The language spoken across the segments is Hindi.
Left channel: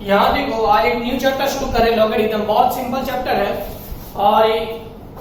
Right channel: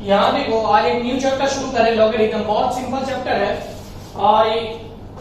यहाँ देखो आज एक न्यू चैप्टर शुरू करें लॉगरिथम। बहुत सिंपल चैप्टर है और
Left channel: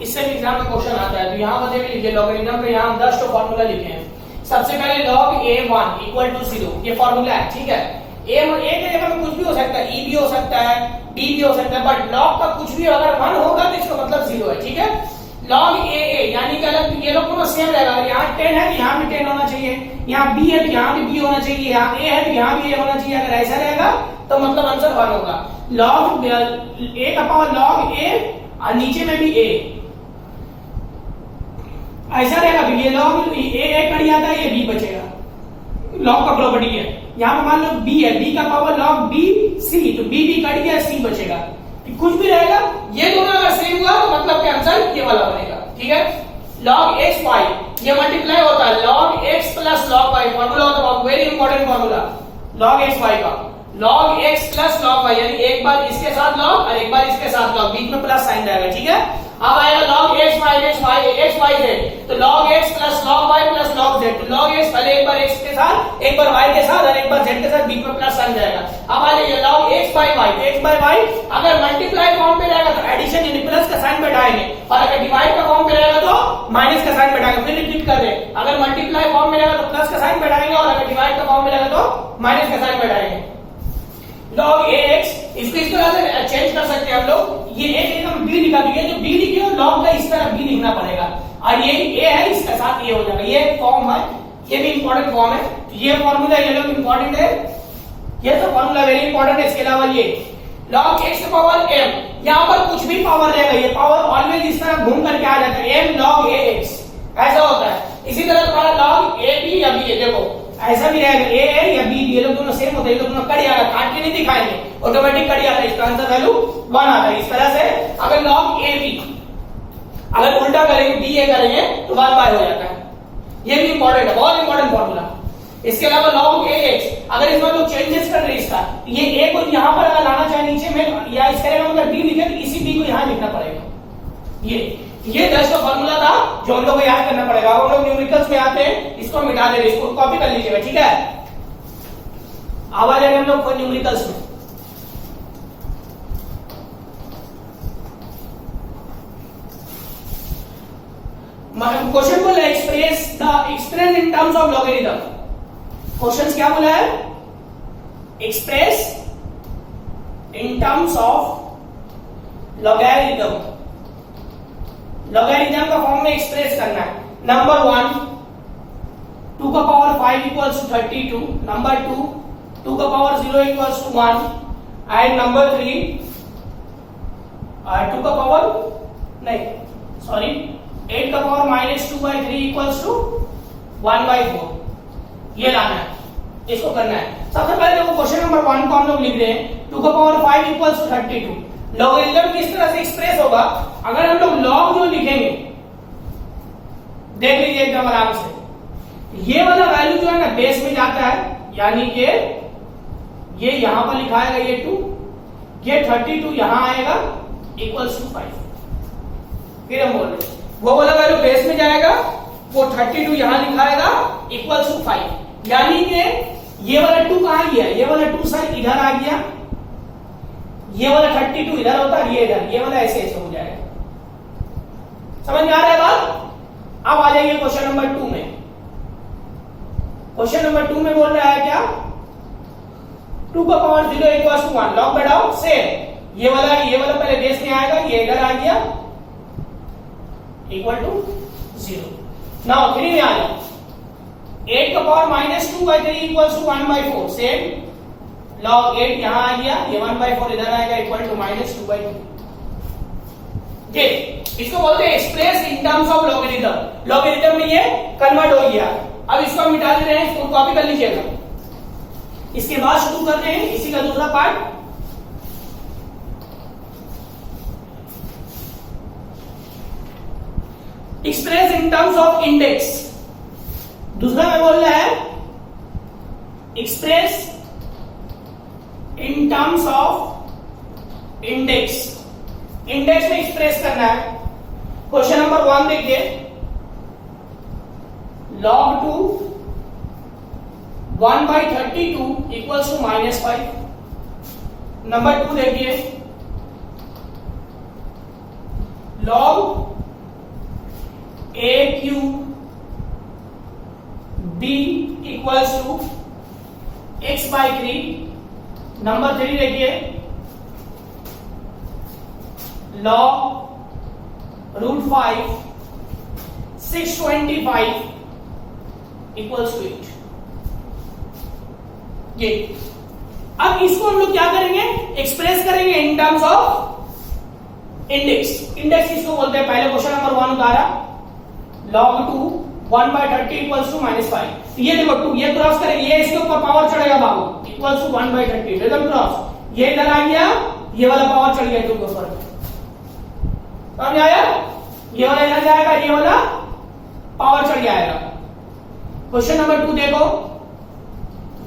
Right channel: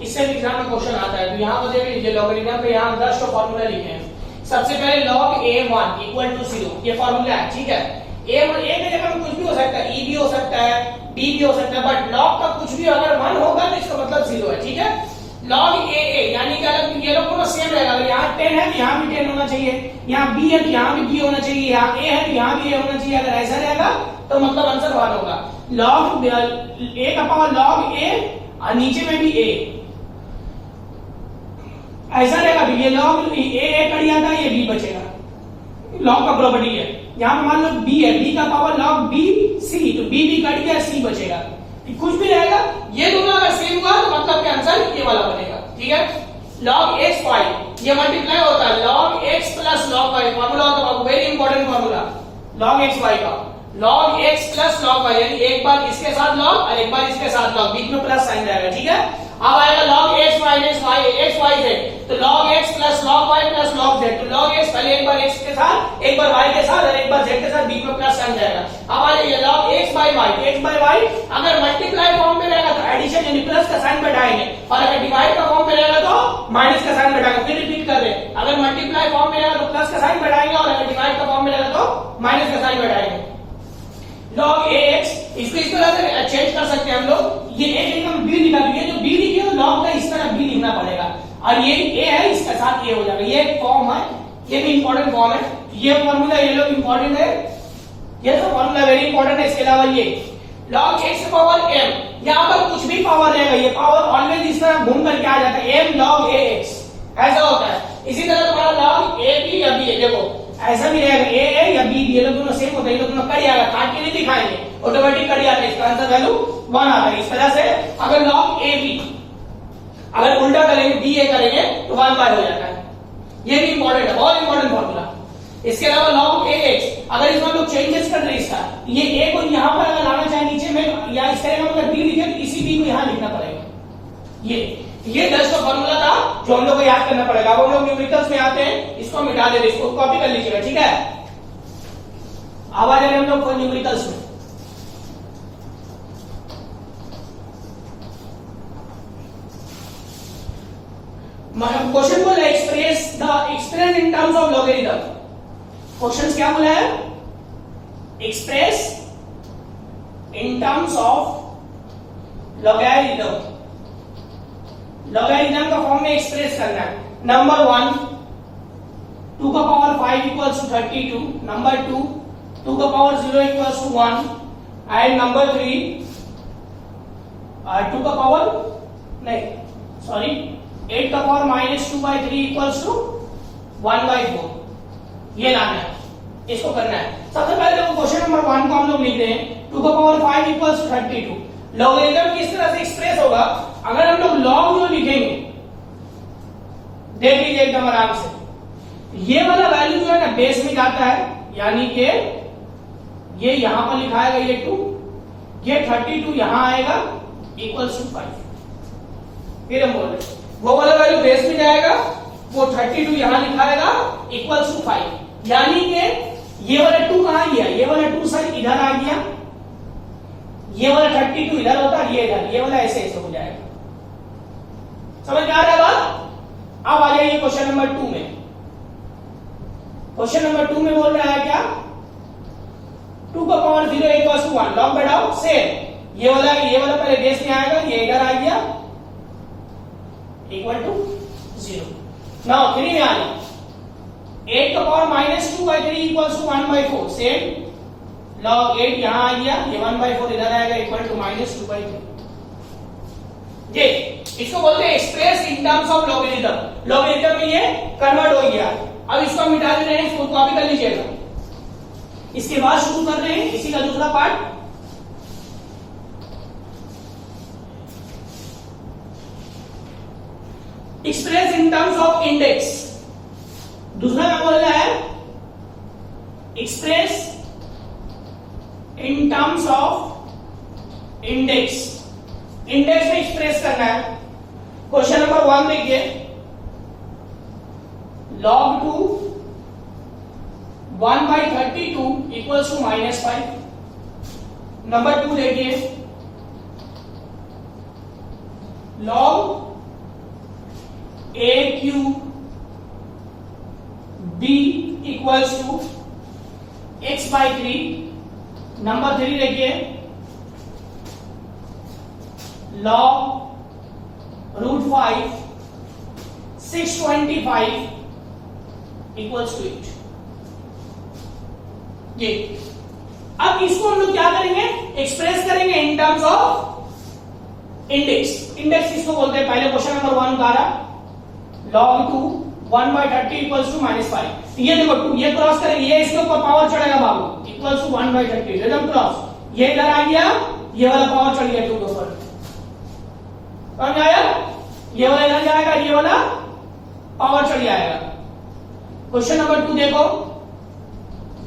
इससे एग्जाम में क्वेश्चन आता है। तो यहाँ पर देख लीजिए लॉगरिथम के यहाँ 10 फॉर्मूला लिखे हैं। सबसे पहले log a1 इक्वल टू 0 ये फॉर्मूला है, ठीक है। a1 a की जगह में कुछ भी हो सकता है, e भी हो सकता है, d भी हो सकता है, बट log का कुछ भी अगर 1 होगा तो इसका मतलब 0 है, ठीक है। log a यानी कि अगर ये लोग दोनों सेम रहेगा, अगर यहाँ 10 है तो यहाँ भी 10 होना चाहिए, यहाँ b है तो यहाँ भी b होना चाहिए, यहाँ a है तो यहाँ भी a होना चाहिए। अगर ऐसा रहेगा तो मतलब आंसर 1 होगा। log a का पावर log a और नीचे में भी a ऐसा रहेगा। ये log a कट जाता है, ये b बचेगा। log का प्रॉपर्टी है। यहाँ पे मान लो b है, b का पावर log b c, तो b भी कट गया, c बचेगा। कुछ भी रहेगा, ये दोनों अगर सेम हुआ तो मतलब के आंसर ये वाला बनेगा, ठीक है। log x y ये मल्टीप्लाई होता है log x plus log y, formula होता है very important formula log x y का। log x plus log y यानी एक बार इसके साथ log और एक बार इसके साथ log, बीच में प्लस साइन रहेगा, ठीक है। अब आएगा log x minus x y z, तो log x plus log y plus log z, तो log x पहले एक बार x के साथ, एक बार y के साथ और एक बार z के साथ, बीच में प्लस साइन जाएगा। अब आ जाइए log x बाय y अगर मल्टीप्लाई फॉर्म में रहेगा तो एडिशन यानी प्लस का साइन बैठाएंगे, और अगर डिवाइड का फॉर्म में रहेगा तो माइनस का साइन बैठाएंगे। फिर रिपीट कर रहे हैं, अगर मल्टीप्लाई फॉर्म में रहेगा तो प्लस का साइन बैठाएंगे और अगर डिवाइड का फॉर्म में रहेगा तो माइनस का साइन बैठाएंगे। log ax इसको इस तरह से चेंज कर सकते हैं हम लोग। ये a की जगह b निकाल, ये जो b लिखी हो log का इस तरह b लिखना पड़ेगा, और ये a है इसके साथ a हो जाएगा। ये फॉर्म है, ये भी इंपॉर्टेंट फॉर्म है। ये फॉर्मूला ये लोग इंपॉर्टेंट है, ये तो फॉर्मूला वेरी इंपॉर्टेंट है। इसके अलावा ये log x पावर m, यहाँ पर कुछ भी पावर रहेगा, ये पावर ऑलवेज इस तरह घूम करके आ जाता है, m log ax ऐसा होता है। इसी तरह तुम्हारा log a b या b है, देखो ऐसा भी रहेगा, a है या b ये लोग दोनों सेम होते हैं, ये लोग दोनों कट जाएगा, काट के नहीं दिखाएंगे, ऑटोमेटिक कट जाता है, इसका आंसर वैल्यू 1 आता है। इस तरह से अगर log a b अगर उल्टा करेंगे b a करेंगे तो 1 बार हो जाता है। ये भी इंपॉर्टेंट है, बहुत इंपॉर्टेंट फॉर्मूला। इसके अलावा log ax अगर इसमें लोग चेंजेस कर रहे हैं इसका, ये a को यहाँ पर अगर लाना चाहे नीचे में या इस तरह अगर b लिखे तो इसी b को यहाँ लिखना पड़ेगा। ये 10 का फॉर्मूला था जो हम लोग को याद करना पड़ेगा। अब हम लोग न्यूमेरिकल्स में आते हैं, इसको मिटा ले, इसको कॉपी कर लीजिएगा, ठीक है। अब आ जाएंगे हम लोग न्यूमेरिकल्स में। क्वेश्चन बोला है express in terms of logarithm. Question क्या बोला है? Express in terms of logarithm. Logarithm का फॉर्म में एक्सप्रेस करना है। नंबर 1 2 का पावर 5 इक्वल्स टू 32, नंबर 2 2 का power 0 equals to 1, and number 3 2 का पावर 8 का पावर -2/3 इक्वल्स टू 1/4। ये लाना है, इसको करना है। सबसे पहले देखो क्वेश्चन नंबर 1 को हम लोग लिख रहे हैं 2 का पावर 5 इक्वल्स टू 32। लॉगरिथम किस तरह से एक्सप्रेस होगा? अगर हम लोग log जो लिखेंगे, देख लीजिए एकदम आराम से, ये वाला वैल्यू जो है ना बेस में जाता है, यानी कि ये यहां पर लिखा आएगा ये 2, ये 32 यहां आएगा इक्वल्स टू 5। फिर हम बोल रहे वो वाला वैल्यू बेस में जाएगा, वो 32 यहां लिखाएगा इक्वल्स टू 5, यानी कि ये वाला 2 कहां गया? ये वाला 2 साइड इधर आ गया, ये वाला 32 इधर होता है, ये इधर, ये वाला ऐसे ऐसे हो जाएगा। समझ में आ रहा है बात? अब आ जाइए क्वेश्चन नंबर 2 में। क्वेश्चन नंबर 2 में बोल रहा है क्या? 2 का पावर 0 इक्वल्स टू 1, लॉग बैठाओ से ये वाला पहले बेस में आएगा, ये इधर आ गया इक्वल टू 0। नाउ 3 में आ गया 8 का power -2/3 equals to 1/4, same log 8 यहां आ गया, ये 1/4 इधर आएगा इक्वल टू -2/3। ये इसको बोलते हैं express in terms of logarithm. Logarithm में ये कन्वर्ट हो गया। अब इसको मिटा दे रहे हैं, इसको कॉपी कर लीजिएगा। इसके बाद शुरू कर रहे हैं इसी का दूसरा part. Express in terms of index. दूसरा में बोल रहा है express in terms of index. Index में एक्सप्रेस करना है। क्वेश्चन नंबर 1 देखिए, log 2 1/32 इक्वल्स टू -5। नंबर 2 देखिए, log a cube b equals to x/3। Number 3 देखिए, log √5 625 इक्वल्स टू 8। ये अब इसको हम लोग क्या करेंगे, एक्सप्रेस करेंगे in terms of index. Index किसको बोलते हैं, पहले क्वेश्चन नंबर 1 उतारा, log 2 1/30 इक्वल्स टू -5। ये देखो 2 ये क्रॉस करेंगे, ये इसके ऊपर पावर चढ़ेगा बाबू, इक्वल्स टू 1/30 रिदम क्रॉस, ये इधर आ गया, ये वाला पावर चढ़ गया 2 के ऊपर, समझ आया, ये वाला इधर जाएगा, ये वाला पावर चढ़ जाएगा। क्वेश्चन नंबर 2 देखो,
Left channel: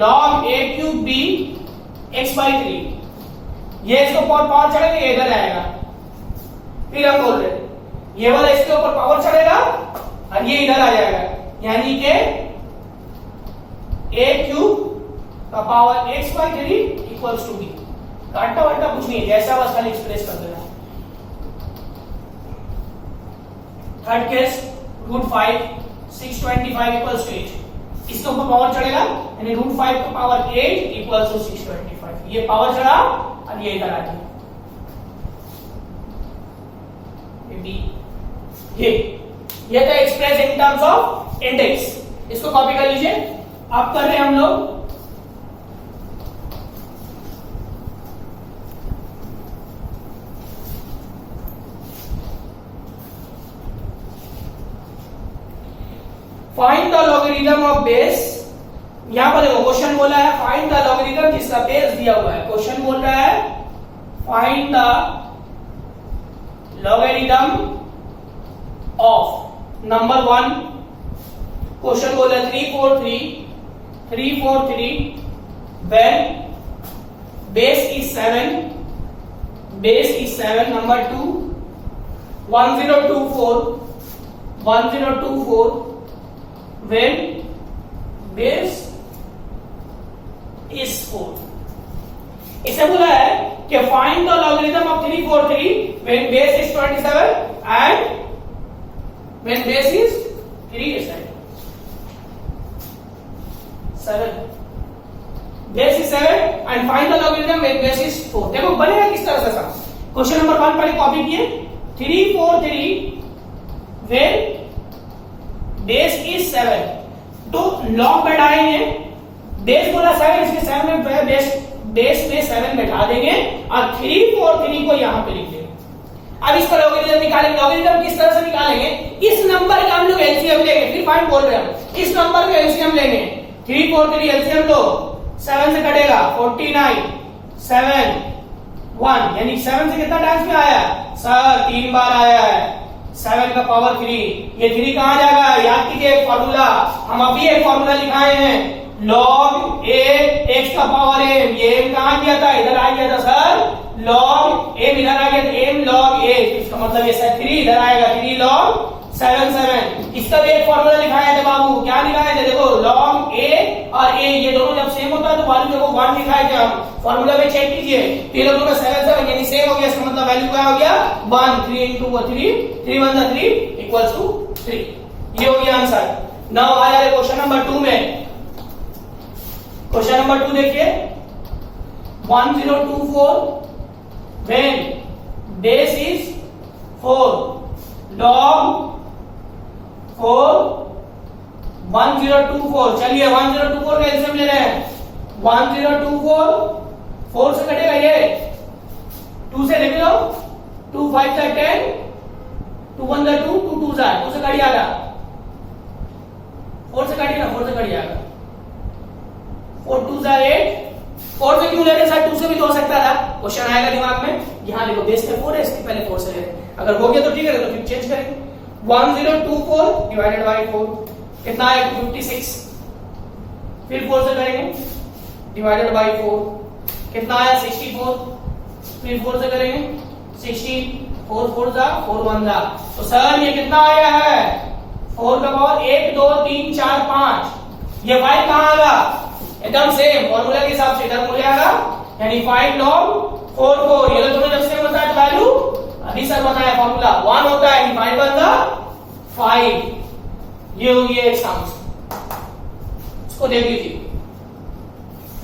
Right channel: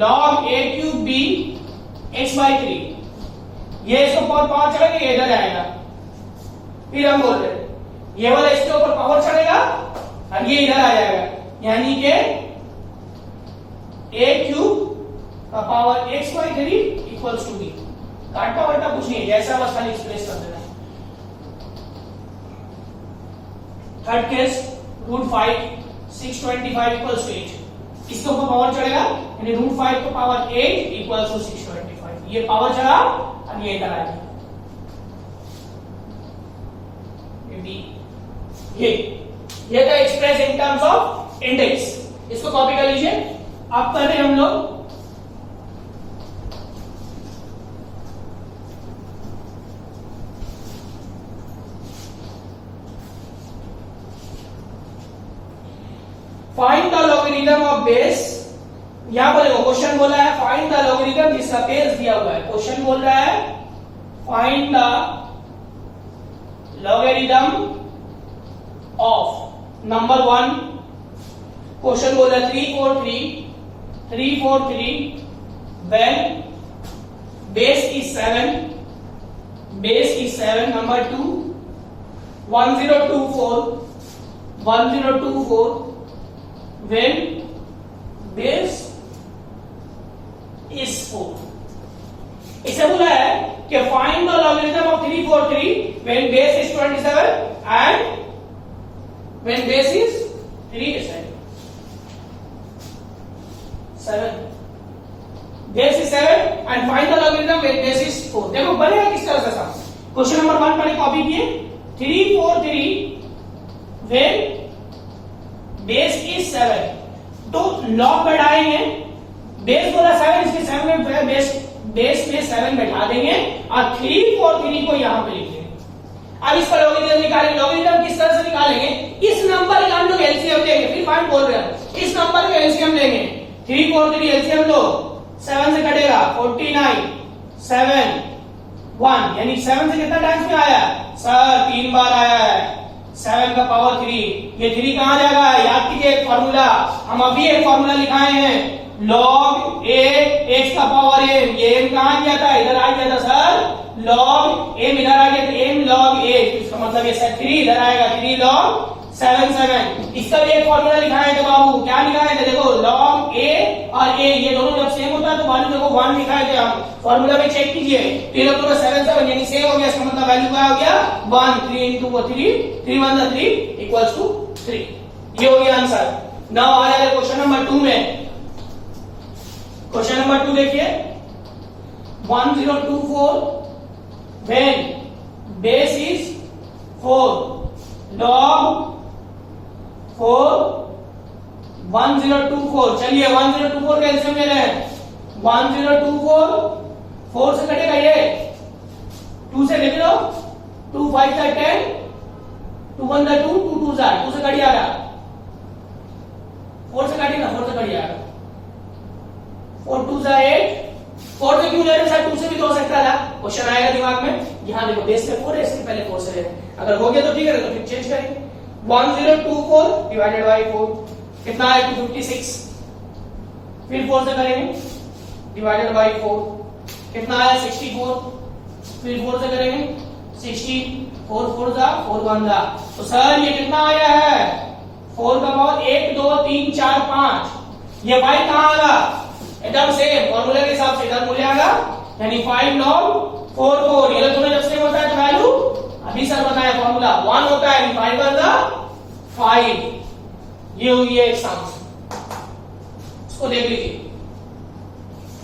log a cube b x/3, ये इसके ऊपर पावर चढ़ेगा, ये इधर आएगा, फिर हम बोल रहे ये वाला इसके ऊपर पावर चढ़ेगा और ये इधर आ जाएगा, यानी कि a क्यूब का power x/3 equals to b। काटता वाटता कुछ नहीं, जैसा बस खाली एक्सप्रेस कर देना है। थर्ड केस, √5 625 इक्वल्स टू 8, इसके ऊपर पावर चढ़ेगा, यानी √5 का पावर 8 इक्वल्स टू 625। ये पावर चढ़ा और ये इधर आ गया, ये था express in terms of index. इसको कॉपी कर लीजिए। अब कर रहे हैं हम लोग find the logarithm of base. यहां पर देखो क्वेश्चन बोला है फाइंड द लॉगरिथम जिसका बेस दिया हुआ है। क्वेश्चन बोल रहा है find the logarithm of number 1। Question बोल रहा है 343 when base is 7 number 2 1024 when base is 4। इसे बोला है कि find the logarithm of 343 when base is 27 and when base is 7 base is 7 and find the logarithm when base is 4। देखो बनेगा किस तरह से सब। क्वेश्चन नंबर 1 पढ़े कॉपी किए 343 when base is 7 तो लॉग बैठाएंगे। बेस बोला 7 इसलिए 7 में बेस में 7 बैठा देंगे और 343 को यहां पे लिख देंगे। अब इसका लॉगरिथम निकालेंगे। लॉगरिथम किस तरह से निकालेंगे, इस नंबर का हम लोग एलसीएम लेंगे। 3 बोल रहे हैं इस नंबर का एलसीएम लेंगे। 343 एलसीएम लो 7 से कटेगा 49 7 1 यानी 7 से कितना टाइम्स में आया सर 3 बार आया है। 7 का पावर 3 ये 3 कहां जाएगा, याद कीजिए एक फॉर्मूला, हम अभी एक फॉर्मूला लिखाए हैं log a x का पावर m। ये m कहां गया था, इधर आ गया था सर log m इधर आ गया था m log a, इसका मतलब ये सर 3 इधर आएगा 3 log 7 इसका भी एक फॉर्मूला लिखाया था बाबू। क्या लिखाया था देखो log a और a ये दोनों जब सेम होता है तो वैल्यू देखो 1 लिखाया था। फॉर्मूला में चेक कीजिए 3 दोनों 7 यानी सेम हो गया। इसका मतलब वैल्यू क्या हो गया 1 3 into 3 1 3 इक्वल्स टू 3। ये हो गया आंसर। नाउ आ जाए क्वेश्चन नंबर 2 में। क्वेश्चन नंबर 2 देखिए 1024 when base is 4 log 4 1024। चलिए 1024 का एलसीएम ले रहे हैं। 1024 4 से कटेगा ये 2 से लिख लो 2 5 से 10 2 1 2 2 2 से 2 से कट जाएगा 4 से काटिएगा 4 से कट जाएगा 4 2 से 8 4 से क्यों ले रहे सर 2 से भी हो सकता था। क्वेश्चन आएगा दिमाग में। यहाँ देखो बेस में 4 है इसके पहले 4 से ले अगर हो गया तो ठीक है तो फिर चेंज करेंगे। 1024 डिवाइडेड बाय 4 कितना है 256 फिर 4 से करेंगे डिवाइडेड बाय 4 कितना आया 64 फिर 4 से करेंगे 16 4 4 जा 4 1 जा तो सर ये कितना आया है 4 का पावर 1 2 3 4 5 ये y कहां आएगा एकदम सेम फॉर्मूला के हिसाब से इधर मूल्य आएगा यानी 5 log 4 ये तो तुम्हें जब से होता है वैल्यू अभी सर बताया फॉर्मूला 1 होता है 5 वन द 5। ये हुई है सम, इसको देख लीजिए,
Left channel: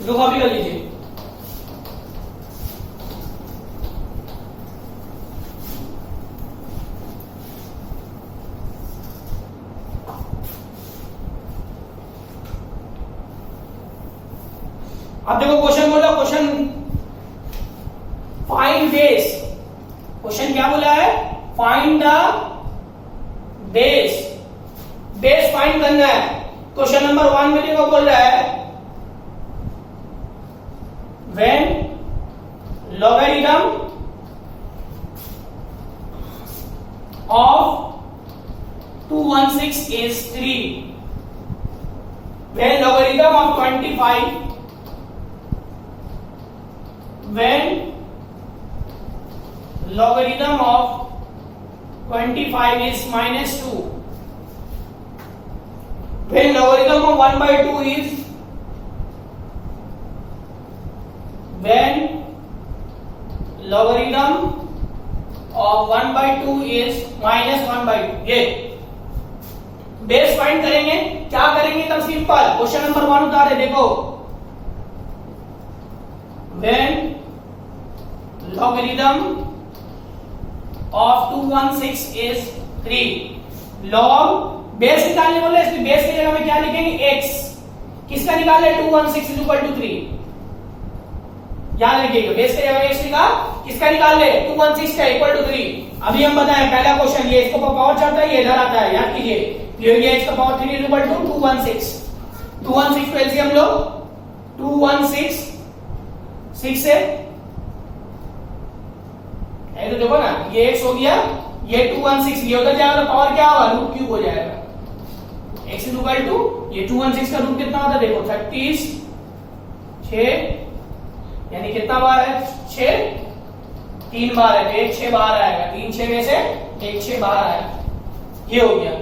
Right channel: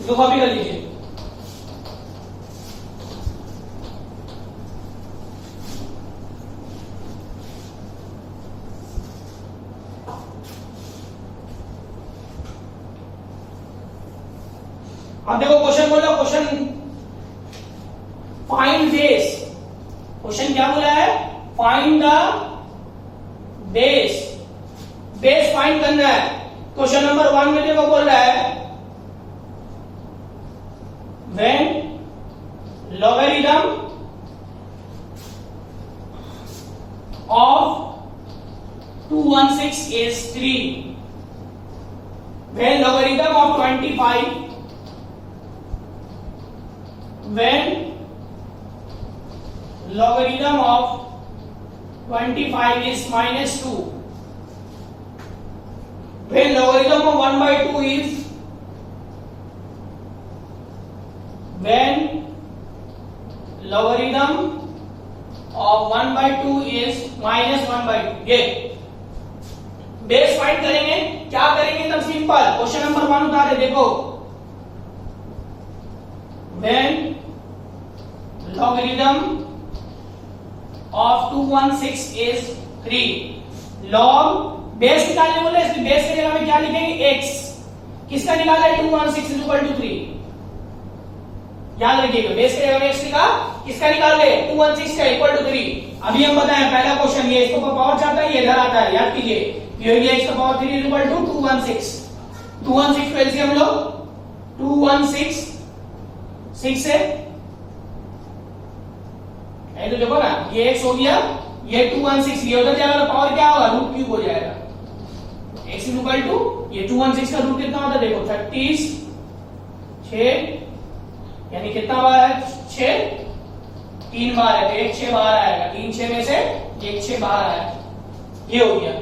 इसको कॉपी कर लीजिए। अब देखो क्वेश्चन बोला, क्वेश्चन फाइंड बेस, क्वेश्चन क्या बोला है, find the base, base find करना है। क्वेश्चन नंबर 1 में देखो बोल रहा है when logarithm of 216 is 3, when logarithm of 25, when logarithm of 25 is -2, when logarithm of 1/2 is, when logarithm of 1/2 is -1/2। ये बेस फाइंड करेंगे, क्या करेंगे एकदम सिंपल, क्वेश्चन नंबर 1 उतारे देखो, when logarithm of 216 is 3, log base निकालने बोले, इसमें बेस की जगह में क्या लिखेंगे x, किसका निकाला है 216 is equal to 3, याद रखिएगा बेस की जगह x लिखा, किसका निकाल ले 216 का इक्वल टू 3। अभी हम बताएं पहला क्वेश्चन, ये इसको पावर चाहता है, ये इधर आता है, याद कीजिए ये x का पावर 3 is equal to 216, 216 को एलसीएम लो, 216 6 से तो देखो ना, ये x हो गया, ये 216, ये उधर जाएगा तो पावर क्या होगा, रूट क्यूब हो जाएगा, x इज इक्वल टू, ये 216 का रूट कितना होता है देखो 36, यानी कितना बार है 6, 3 बार है तो 1 6 बाहर आएगा, 3 6 में से 1 6 बाहर आया, ये हो गया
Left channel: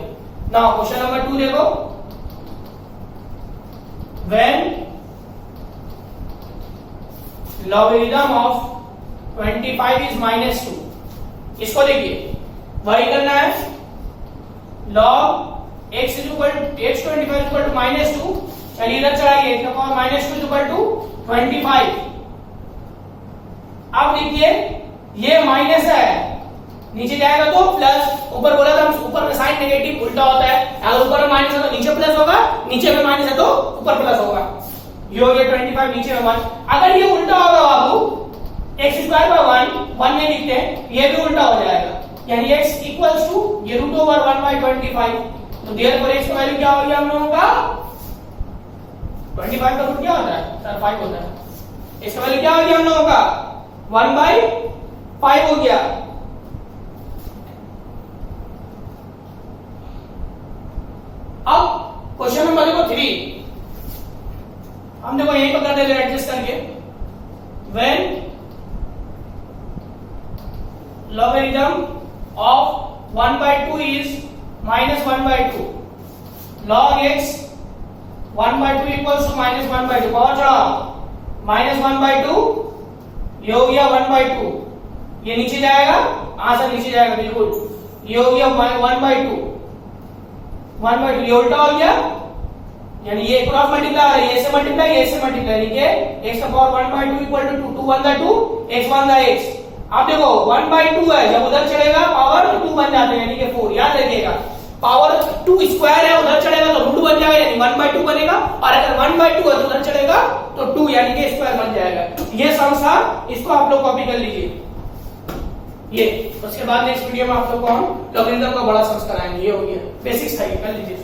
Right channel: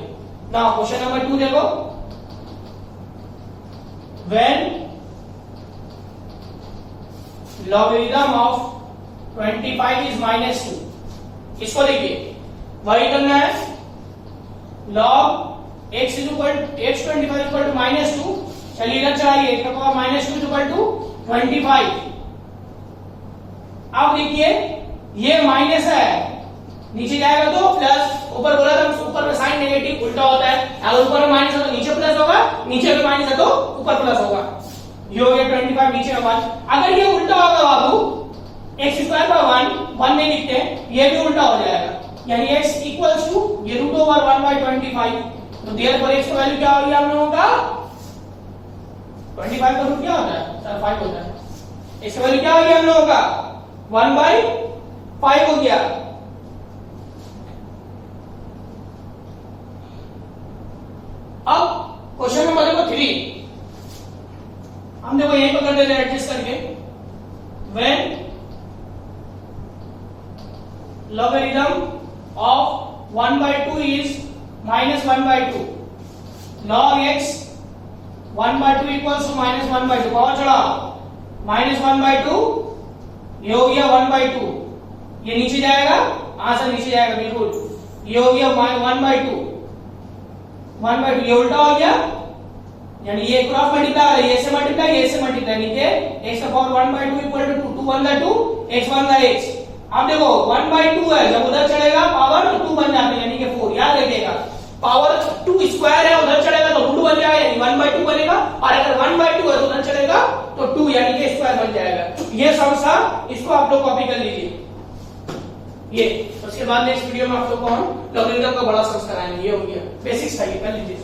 ना। क्वेश्चन नंबर 2 देखो, व्हेन logarithm of 25 is -2, इसको देखिए वही करना है, log x is equal to x25 is equal to -2, चलिए इधर चढ़ाइए, इसका पावर -2 is equal to 25। अब देखिए ये माइनस है, नीचे जाएगा तो प्लस, ऊपर बोला था ऊपर में साइन नेगेटिव उल्टा होता है, अगर ऊपर में माइनस है तो नीचे प्लस होगा, नीचे में माइनस है तो ऊपर प्लस होगा, ये हो गया 25 नीचे में 1। अगर ये उल्टा होगा बाबू x स्क्वायर बाय 1 नहीं लिखते, ये भी उल्टा हो जाएगा, यानी x इक्वल्स टू ये रूट ओवर 1/25, तो देयरफॉर x का वैल्यू क्या हो गया हम लोगों का, 25 का रूट क्या होता है सर 5 होता है, इसका वैल्यू क्या हो गया हम लोगों का 1/5 हो गया। अब क्वेश्चन नंबर देखो 3, हम देखो यहीं पर कर देते हैं एडजस्ट करके, when logarithm of 1/2 is -1/2, log x 1/2 equals to -1/2, power चढ़ाओ, -1/2 ये हो गया 1/2, ये नीचे जाएगा, आंसर नीचे जाएगा बिल्कुल, ये हो गया 1/2, ये उल्टा हो गया, यानी ये क्रॉस मल्टीप्लाई है, ये से मल्टीप्लाई, ये से मल्टीप्लाई, नीचे x का पावर 1/2 इक्वल टू 2 1 का 2 x 1 का x। आप देखो 1/2 है, जब उधर चढ़ेगा पावर तो 2 बन जाते हैं, यानी कि 4, याद रखिएगा पावर 2 स्क्वायर है, उधर चढ़ेगा तो रूट बन जाएगा, यानी 1/2 बनेगा, और अगर 1/2 है तो उधर चढ़ेगा तो 2 यानी कि स्क्वायर बन जाएगा। ये सम था, इसको आप लोग कॉपी कर लीजिए, ये उसके बाद नेक्स्ट वीडियो में आप लोग को हम लॉगरिथम का बड़ा सम कराएंगे, ये हो गया बेसिक्स था, ये कर लीजिए।